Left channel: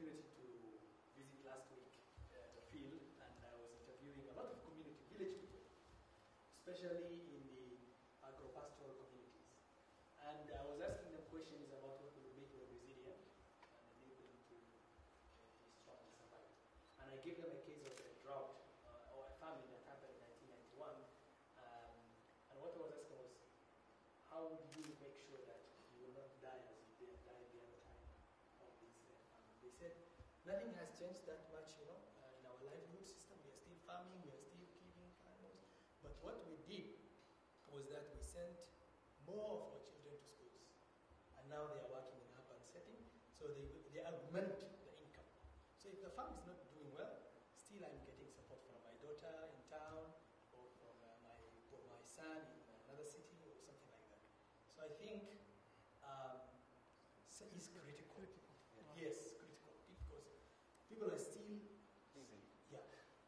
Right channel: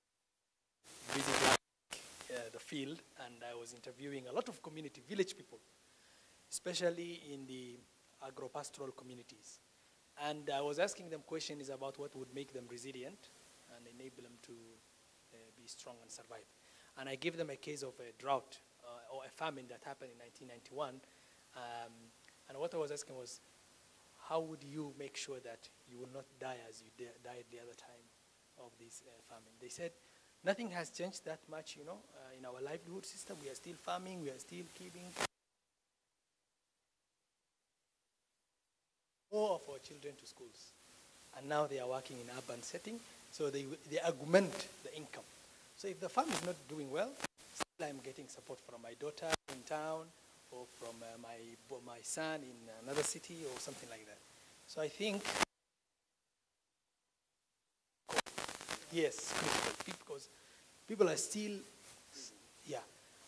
opportunity to visit last week the field, and I was interviewing a lot of community, village people, especially in the agro-pastoral communities. And I was asking them questions about what would make them resilient and enable them to be strong and survive. And I gave them a case of a drought or a famine that happened in 1991. And what I was asking was, how would you make sure that you will not die as you died the other time of this famine? They said, nothing has changed that much, in our livelihood system. We are still farming, we are still keeping animals. But what we did was that we sent more of our children to schools. And now they are working in urban setting, so they augment the income. So if the farm is not doing well, still I'm getting support from my daughter in town, or from my son in another city, or something like that. So I think it's critical. Yes, critical, because people are still, yeah.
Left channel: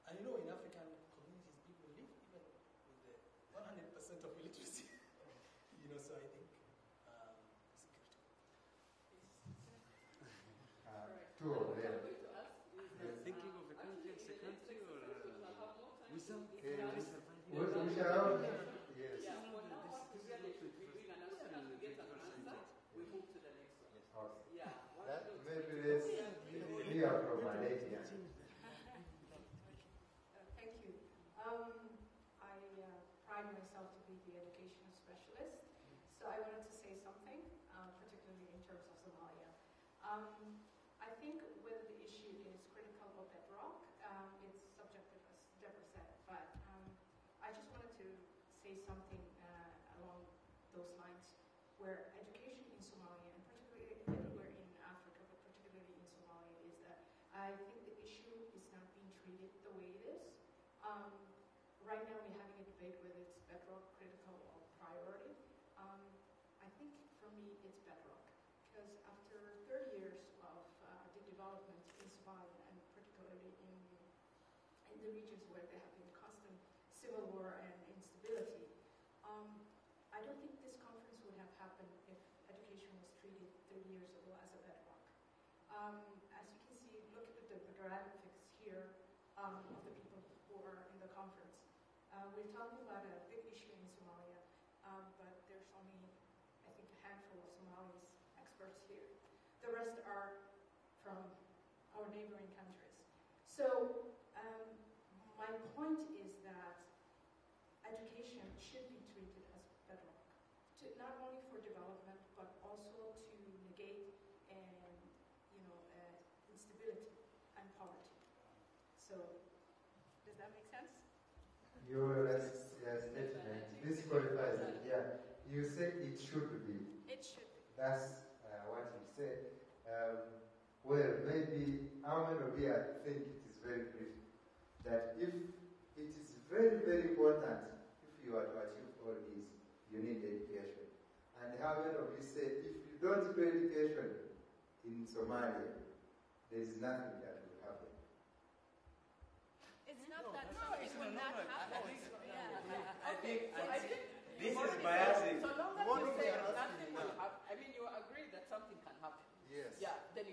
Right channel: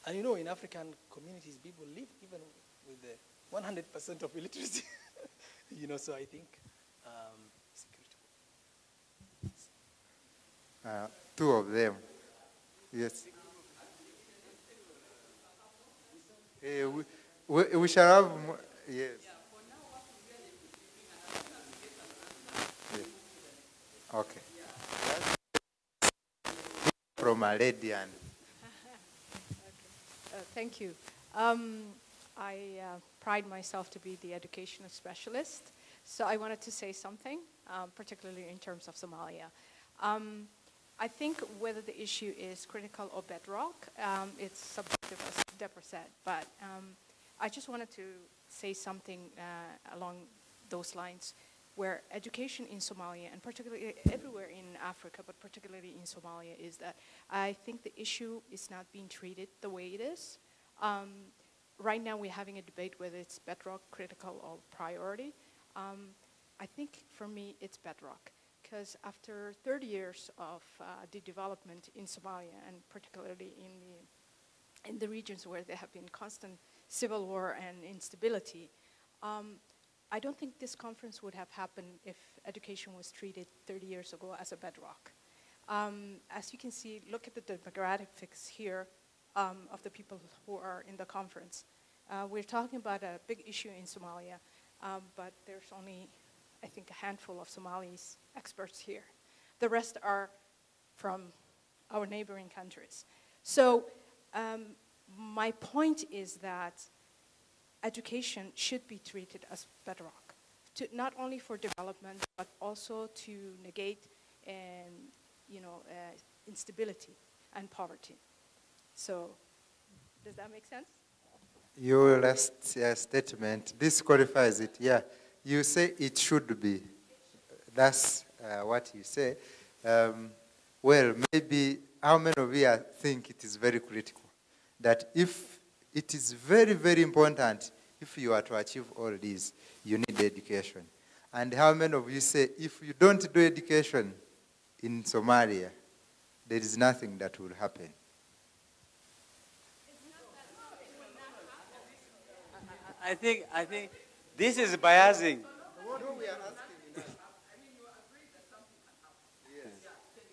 And in African communities, people live even with the 100% of illiteracy. So I think it's critical. Two of them. Yes. We shall have more. Yes. Okay. From a lady. Thank you. I pride myself to be the educational specialist, so I wanted to say something, particularly in terms of Somalia. I think whether the issue is critical or bedrock, it's subjective, as Deborah said, but I just wanted to say something along those lines, where education in Somalia, and particularly everywhere in Africa, but particularly in Somalia, is that I think the issue is not being treated the way it is. Right now we're having a debate whether it's bedrock, critical, or priority. I think for me it's bedrock, because after 30 years of the development in Somalia, and particularly in the regions where there have been constant civil war and instability, I don't think this conference would have happened if education was treated 30 years ago as a bedrock. As you can see, look at the demographics here of the people who are in the conference. We're talking about a big issue in Somalia, but there's only, I think, a handful of Somalis experts here. The rest are from our neighboring countries. So my point is that education should be treated as bedrock, not only for development, but also to negate instability and poverty. So, does that make sense? Your last statement disqualifies it. Yeah, you say it should be. It should. That's what you say. Well, maybe how many of you think it is very critical? That if it is very, very important, if you are to achieve all these, you need education. And how many of you say, if you don't do education in Somalia, there is nothing that will happen? It's not that something will not happen. I think this is biasing. I mean, you agree that something can happen. Yes. Yeah, then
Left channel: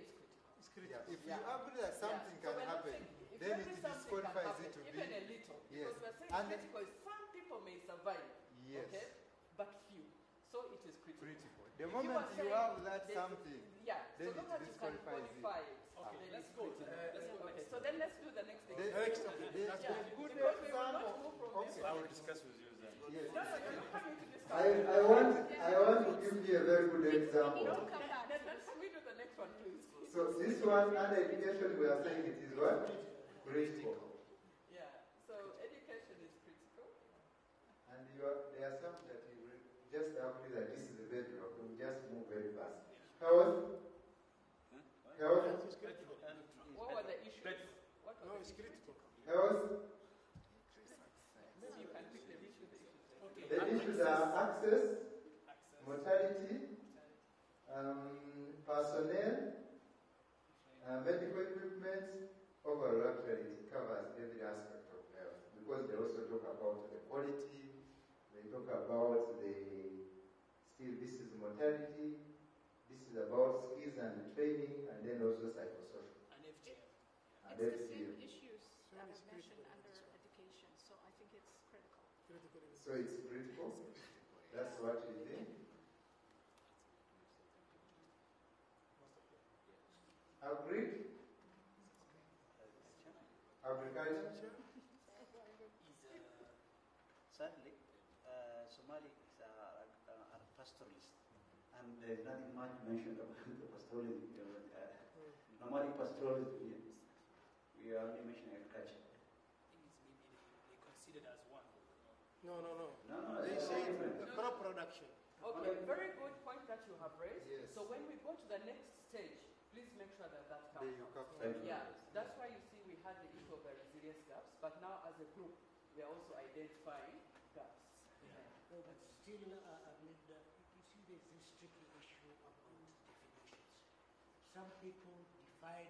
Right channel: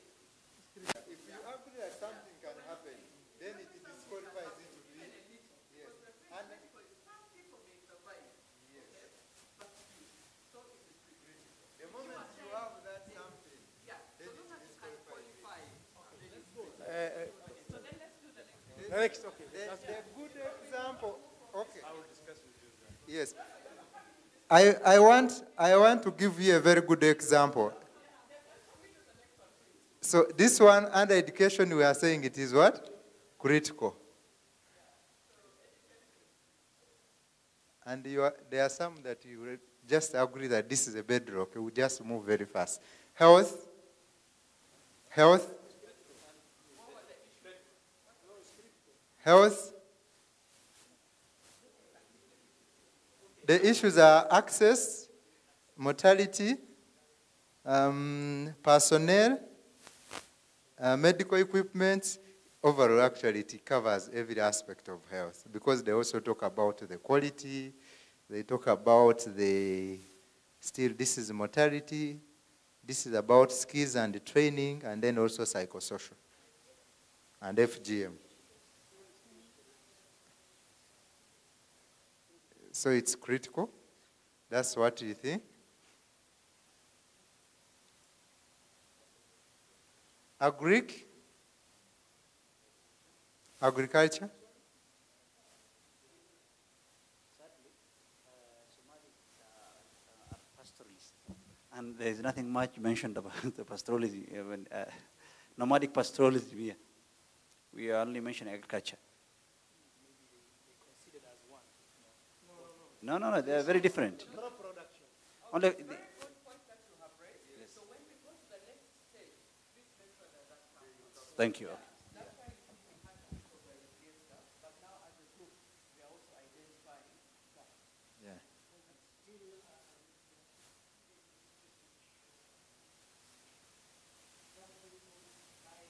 it's critical. If you agree that something can happen, then it disqualifies it to be. Even a little. Yes. Because we're saying critical is some people may survive. Yes. Okay? But few. So it is critical. The moment you have that something, Yeah. then So it long as you can disqualifies it. qualify. Okay, let's go. Okay. So then let's do the next thing. There's a good example. Okay. I will discuss with you then. Yes. I want to give you a very good example. So this one, under education, we are saying it is what? Critical. Yeah. So education is critical. And there are some that you will just agree that this is a bedrock. We just move very fast. Health. What were the issues? Health. The issues are access, mortality, personnel, medical equipment. Overall, actually, it covers every aspect of health, because they also talk about the quality, they talk about this is mortality, this is about skills and training, and then also psychosocial. and FGM. So it's critical? That's what you think? Agric? Agriculture? Sadly, Somalis are pastoralists, and there's nothing much mentioned about the pastoralism. Even, nomadic pastoralism, we are only mentioning agriculture. No, they are very different. Crop production. Only, Very good point that you have raised. So when we go to the next stage, please make sure that that counts. thank you. Yeah, that's why you see we had a bit of a serious gaps, but now as a group, we are also identifying gaps. Yeah. Still, with the, you see the district issue of some people find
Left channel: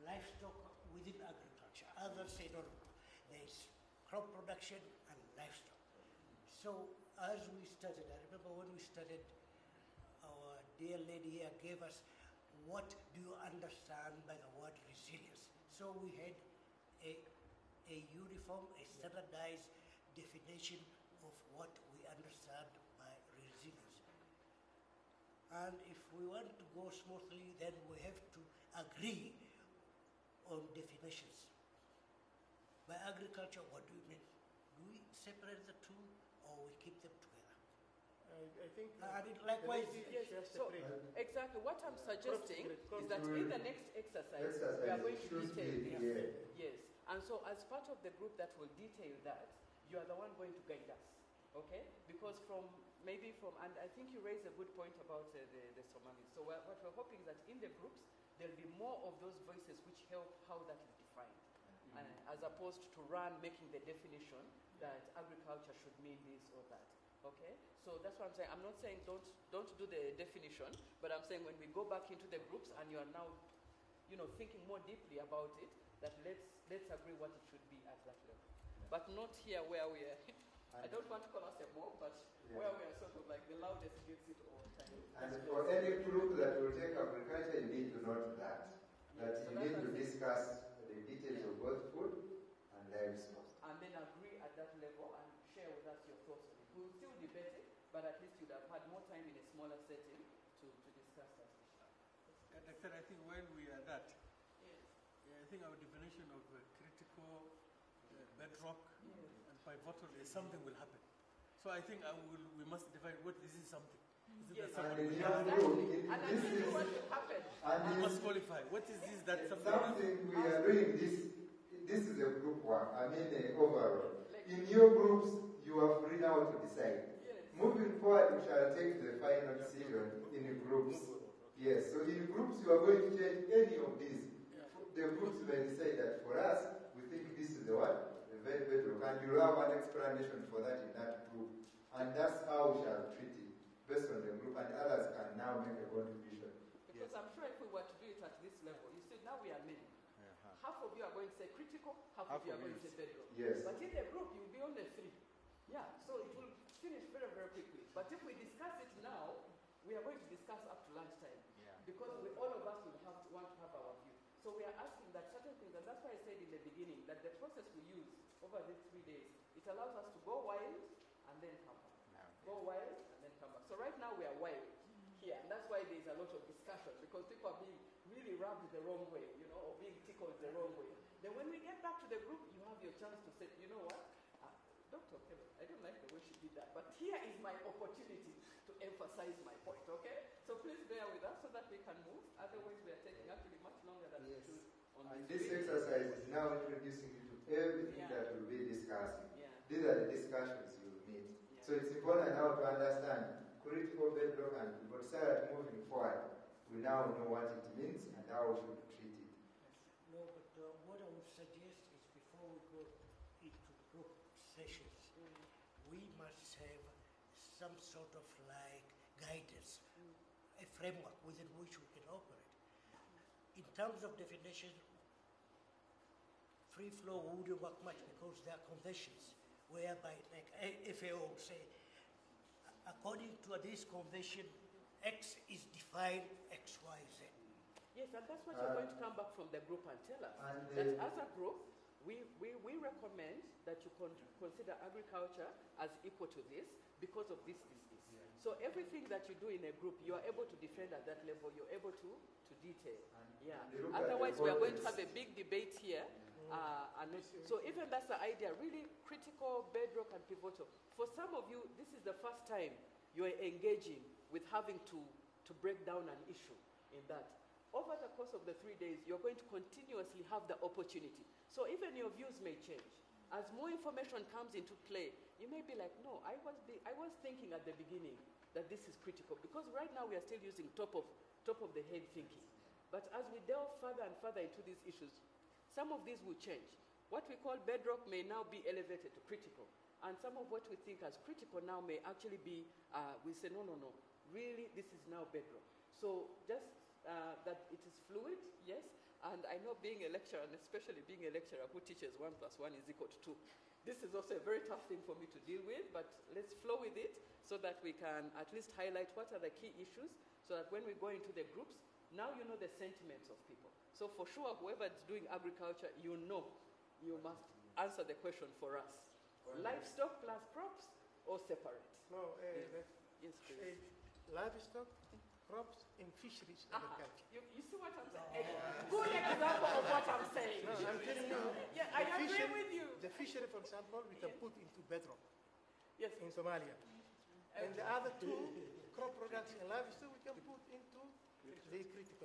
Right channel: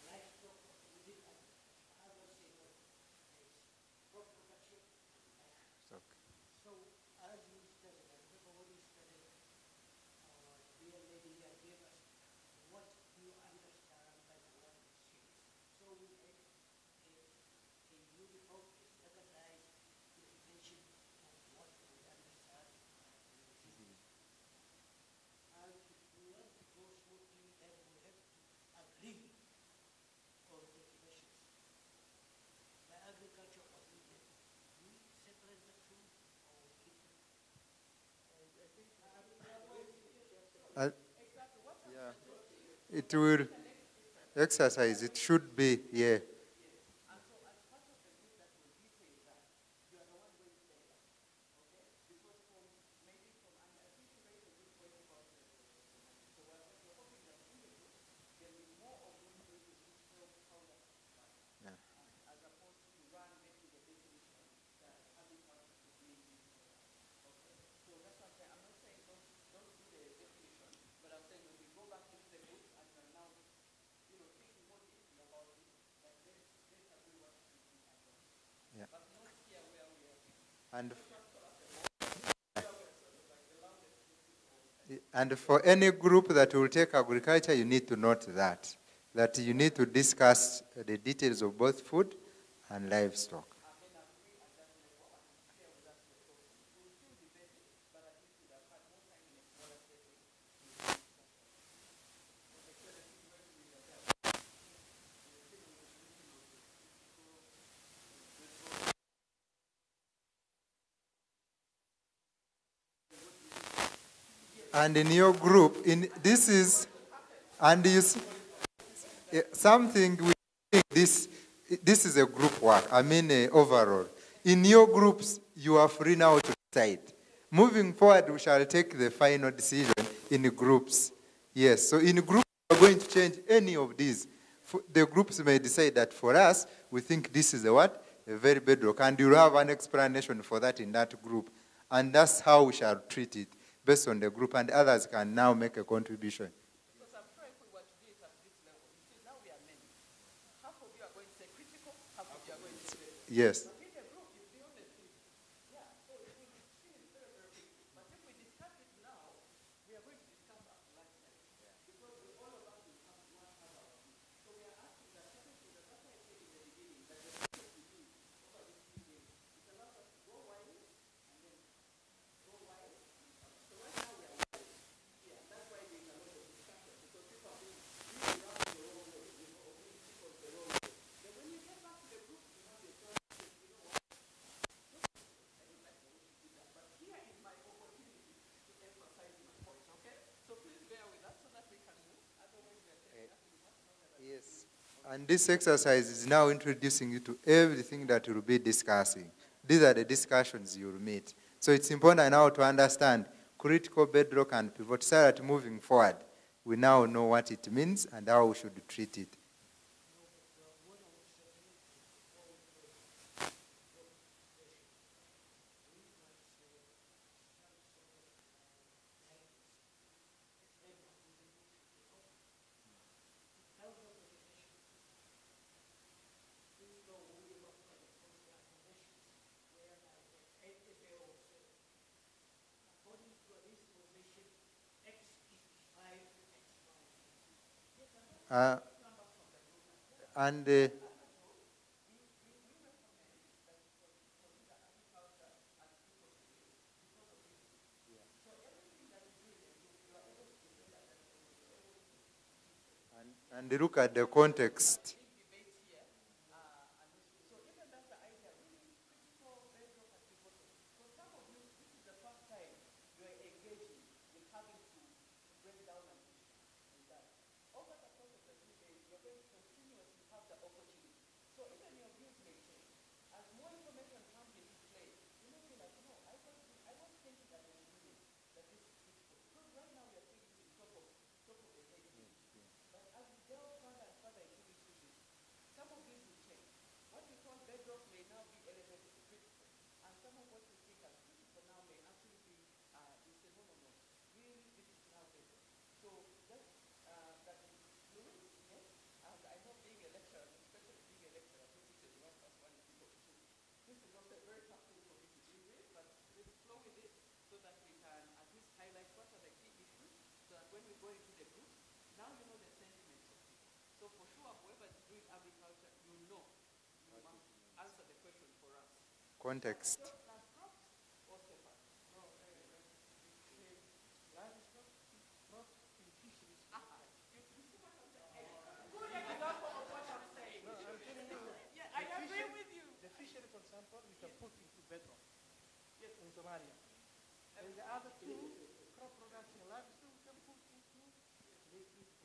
livestock within agriculture. Others say no, there's crop production and livestock. So as we studied, I remember when we studied, our dear lady here gave us, what do you understand by the word resilience? So we had a uniform, a standardized definition of what we understand by resilience. And if we want to go smoothly, then we have to agree on definitions. By agriculture, what do we mean? Do we separate the two, or we keep them together? I think. I mean, likewise. Yes, so exactly what I'm suggesting. It from will the next exercise, it should be, yeah. Yes, and so as part of the group that will detail that, you are the one going to guide us, okay? Because and I think you raised a good point about the Somalis. So what we're hoping that in the groups, there'll be more of those voices which help how that is defined, as opposed to making the definition that agriculture should mean this or that, okay? So that's what I'm saying. I'm not saying don't do the definition, but I'm saying when we go back into the groups and you are now, thinking more deeply about it, that let's agree what it should be at that level. Yeah. But not here where we are. I And, don't want to call us a mob, where we are sort of like the loudest against it all the time. and for any group that will take agriculture, you need to note that you need to discuss the details of both food and livestock. And then agree at that level and share with us your thoughts. We'll still debate it, but at least you'd have had more time in a smaller setting to discuss that. Actually, I think when we are that, I think our definition of critical bedrock and pivotal is something will happen. So I think we must define what we use. And in your group, this is, and you see, What is this that something we are doing this is a group work, overall. In your groups, you are free now to decide. Moving forward, we shall take the final decision in groups. Yes, so in groups, you are going to change any of these. The groups may decide that for us, we think this is a very bedrock, and you'll have an explanation for that in that group. And that's how we shall treat it, based on the group, and others can now make a contribution. Because I'm sure if we were to do it at this level, you see, now we are living. Half of you are going to say critical, half of you are going to say bedrock. Yes. But in the group, you'll be on the three. Yeah, so it will finish very, very quickly. But if we discuss it now, we are going to discuss up to lunchtime. Because all of us will want to have our view. So we are asking that certain things, and that's why I said in the beginning, that the process we use over these 3 days, it allows us to go wild and then come back. Go wild and then come back. So right now we are wild. Yeah, and that's why there's a lot of discussion, because people are being around the wrong way, or being tickled the wrong way. Then when we get back to the group, you have your chance to say, you know what, Dr. Taylor, I don't like the way she did that, but here is my opportunity to emphasize my point, okay? So please bear with us so that we can move. Otherwise, we are taking actually much longer than we should. And this exercise is now introducing you to everything that you'll be discussing. These are the discussions you'll meet. So it's important now to understand critical bedrock and pivot, so that moving forward, we now know what it means and how we should treat it. No, but what I would suggest is before we go to group sessions, we must have some sort of like guidance, a framework within which we can operate. In terms of definition, free flow wouldn't work much because there are conventions whereby, like FAO say, according to this convention, X is defined X, Y, Z. Yes, and that's what we're going to come back from on the group and tell us. And As a group, we recommend that you consider agriculture as equal to this because of this. So everything that you do in a group, you are able to defend at that level. You're able to detail. and look at the Otherwise, context. we are going to have a big debate here. So even that's the idea, really critical, bedrock, and pivotal. For some of you, this is the first time you are engaging with having to break down an issue in that. Over the course of the 3 days, you're going to continuously have the opportunity. So even your views may change. As more information comes into play, you may be like, no, I was thinking at the beginning that this is critical, because right now we are still using top of the head thinking. But as we delve further and further into these issues, some of these will change. What we call bedrock may now be elevated to critical. And some of what we think as critical now may actually be, we say, no, really, this is now bedrock. So just that it is fluid, yes. And I know being a lecturer, and especially being a lecturer who teaches 1 + 1 = 2, this is also a very tough thing for me to deal with, but let's flow with it so that we can at least highlight what are the key issues, so that when we go into the groups, now you know the sentiments of people. So for sure, whoever is doing agriculture, you know you must answer the question for us. Context. Livestock plus crops or separate? No, Yes, please. livestock, crops, and fisheries agriculture. You see what I'm saying? Good example of what I'm saying. No, I'm telling you. Yeah, I agree with you. The fishery, for example, we can put into bedrock Yes. in Somalia. And the other two, crop production and livestock, we can put into the critical.